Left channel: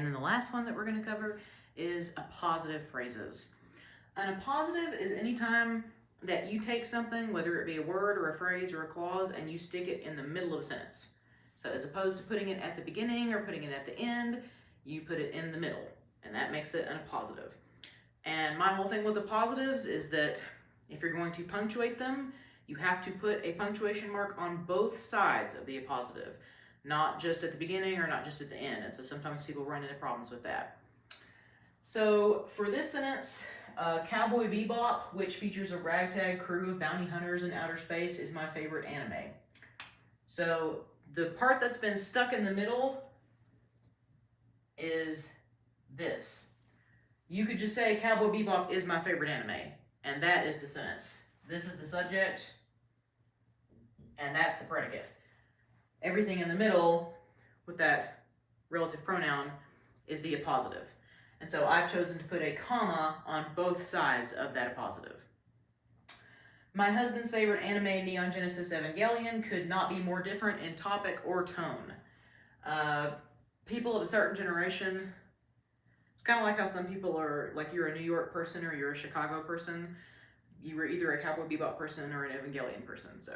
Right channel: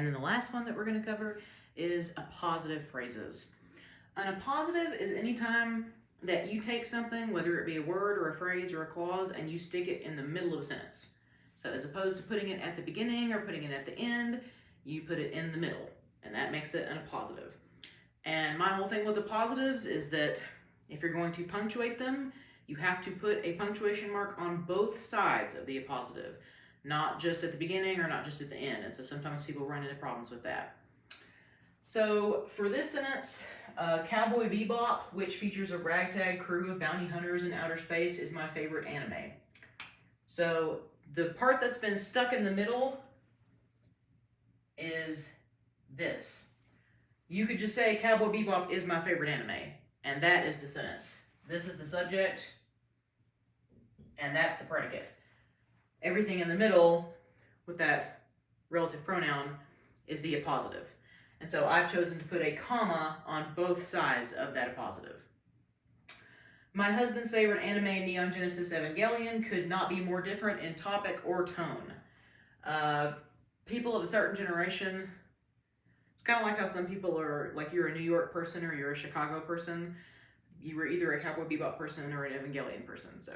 And then the last one that we're going to cover is appositive phrases. An appositive is any time that you take something, whether it be a word or a phrase or a clause, and you stick it in the middle of a sentence. So as opposed to putting it at the beginning or putting it at the end, you put it in the middle, and that makes it an appositive. And my whole thing with appositives is that if you're going to punctuate them, you have to put a punctuation mark on both sides of the appositive, not just at the beginning or not just at the end. And so sometimes people run into problems with that. So for this sentence, Cowboy Bebop, which features a ragtag crew of bounty hunters in outer space, is my favorite anime. So the part that's been stuck in the middle is this. You could just say Cowboy Bebop is my favorite anime, and that is the sentence. This is the subject, and that's the predicate. Everything in the middle with that relative pronoun is the appositive. And so I've chosen to put a comma on both sides of that appositive. My husband's favorite anime, Neon Genesis Evangelion, could not be more different in topic or tone. People of a certain generation, it's kind of like how some people are, like you're a New York person or you're a Chicago person. You were either a Cowboy Bebop person or an Evangelion person. So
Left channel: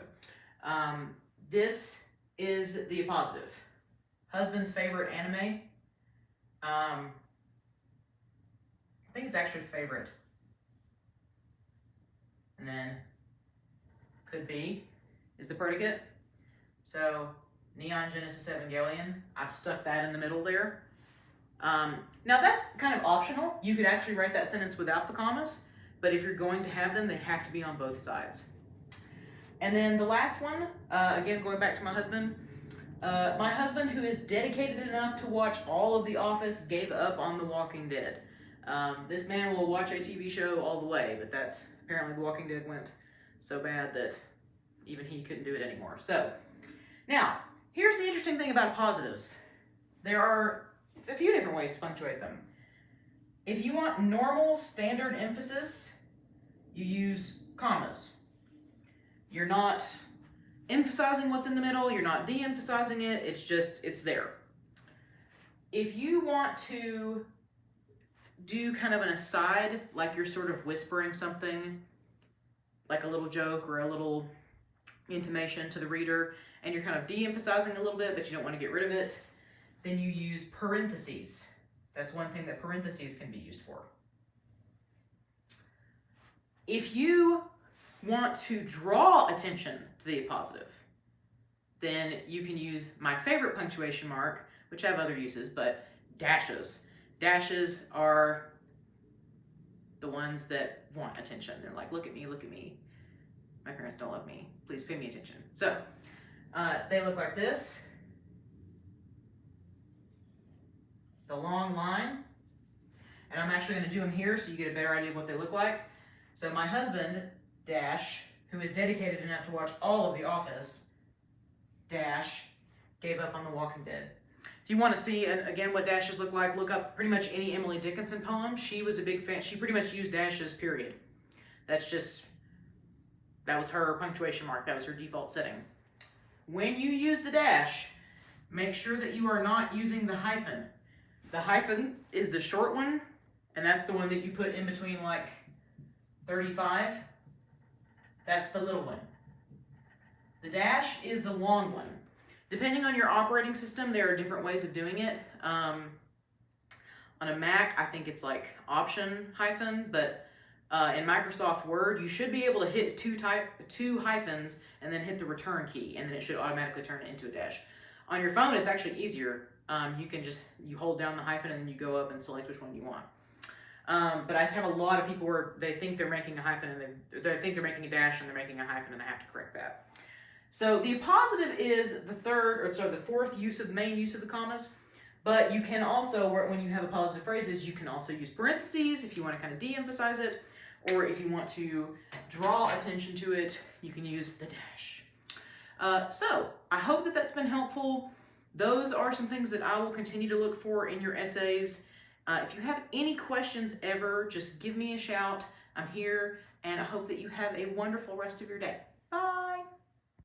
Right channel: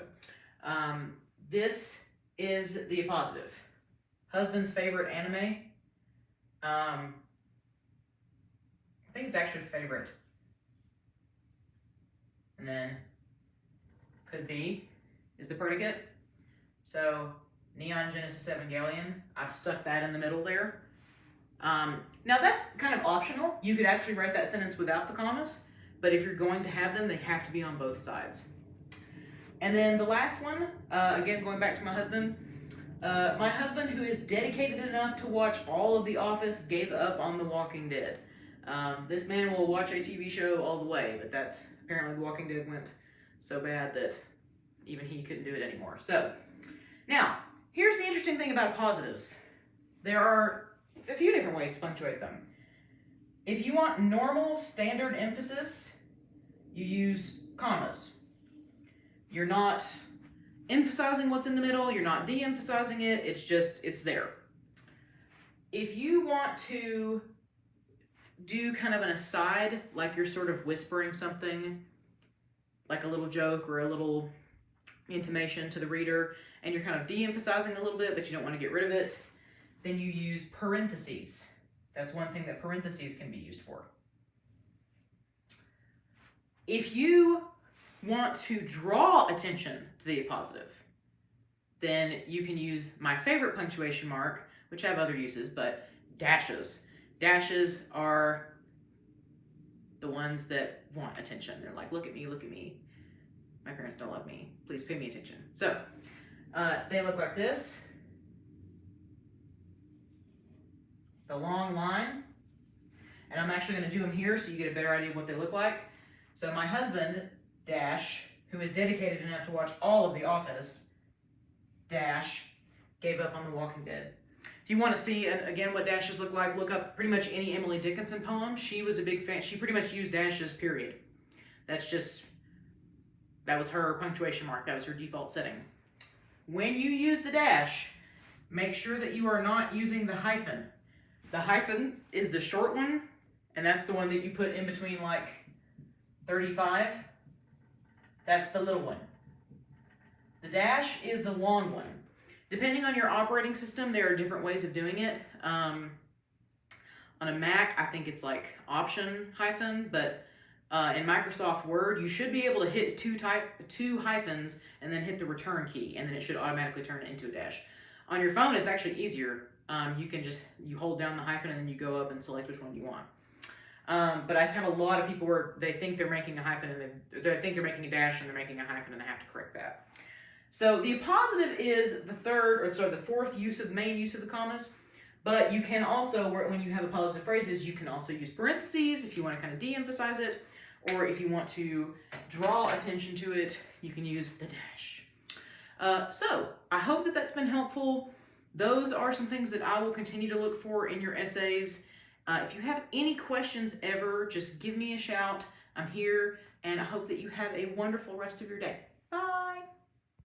this is the appositive. Husband's favorite anime. I think it's actually favorite. And then could be is the predicate. So Neon Genesis Evangelion, I've stuck that in the middle there. Now that's kind of optional. You could actually write that sentence without the commas, but if you're going to have them, they have to be on both sides. And then the last one, again, going back to my husband, who is dedicated enough to watch all of The Office, gave up on The Walking Dead. This man will watch a TV show all the way, but that's apparently The Walking Dead went so bad that even he couldn't do it anymore. So, now, here's the interesting thing about positives. There are a few different ways to punctuate them. If you want normal standard emphasis, you use commas. You're not emphasizing what's in the middle, you're not de-emphasizing it, it's there. If you want to do kind of an aside, like you're sort of whispering something, like a little joke or a little intimation to the reader, and you're kind of de-emphasizing a little bit, but you don't want to get rid of it, then you use parentheses. That's one thing that parentheses can be used for. If you want to draw attention to the appositive, then you can use my favorite punctuation mark, which I have other uses, but dashes. Dashes are the ones that want attention. They're like, look at me, look at me. My parents don't love me. Please pay me attention. So, they look like this. The long line. And I'm actually going to do them here so you get a better idea of what they look like. So my husband, dash, who is dedicated enough to watch all of The Office, dash, gave up on The Walking Dead. If you want to see, again, what dashes look like, look up pretty much any Emily Dickinson poem. She was a big fan. She pretty much used dashes, period. That was her punctuation mark. That was her default setting. When you use the dash, make sure that you are not using the hyphen. The hyphen is the short one, and that's the one that you put in between like 35. That's the little one. The dash is the long one. Depending on your operating system, there are different ways of doing it. On a Mac, I think it's like option hyphen, but in Microsoft Word, you should be able to hit two hyphens and then hit the return key, and then it should automatically turn it into a dash. On your phone, it's actually easier. You hold down the hyphen and then you go up and select which one you want. But I have a lot of people where they think they're making a hyphen and they think they're making a dash and they're making a hyphen, and I have to correct that. So the appositive is the fourth main use of the commas. But you can also, when you have appositive phrases, you can also use parentheses if you want to kind of de-emphasize it, or if you want to draw attention to it, you can use the dash. So I hope that that's been helpful. Those are some things that I will continue to look for in your essays. If you have any questions ever, just give me a shout. I'm here, and I hope that you have a wonderful rest of your day. Bye.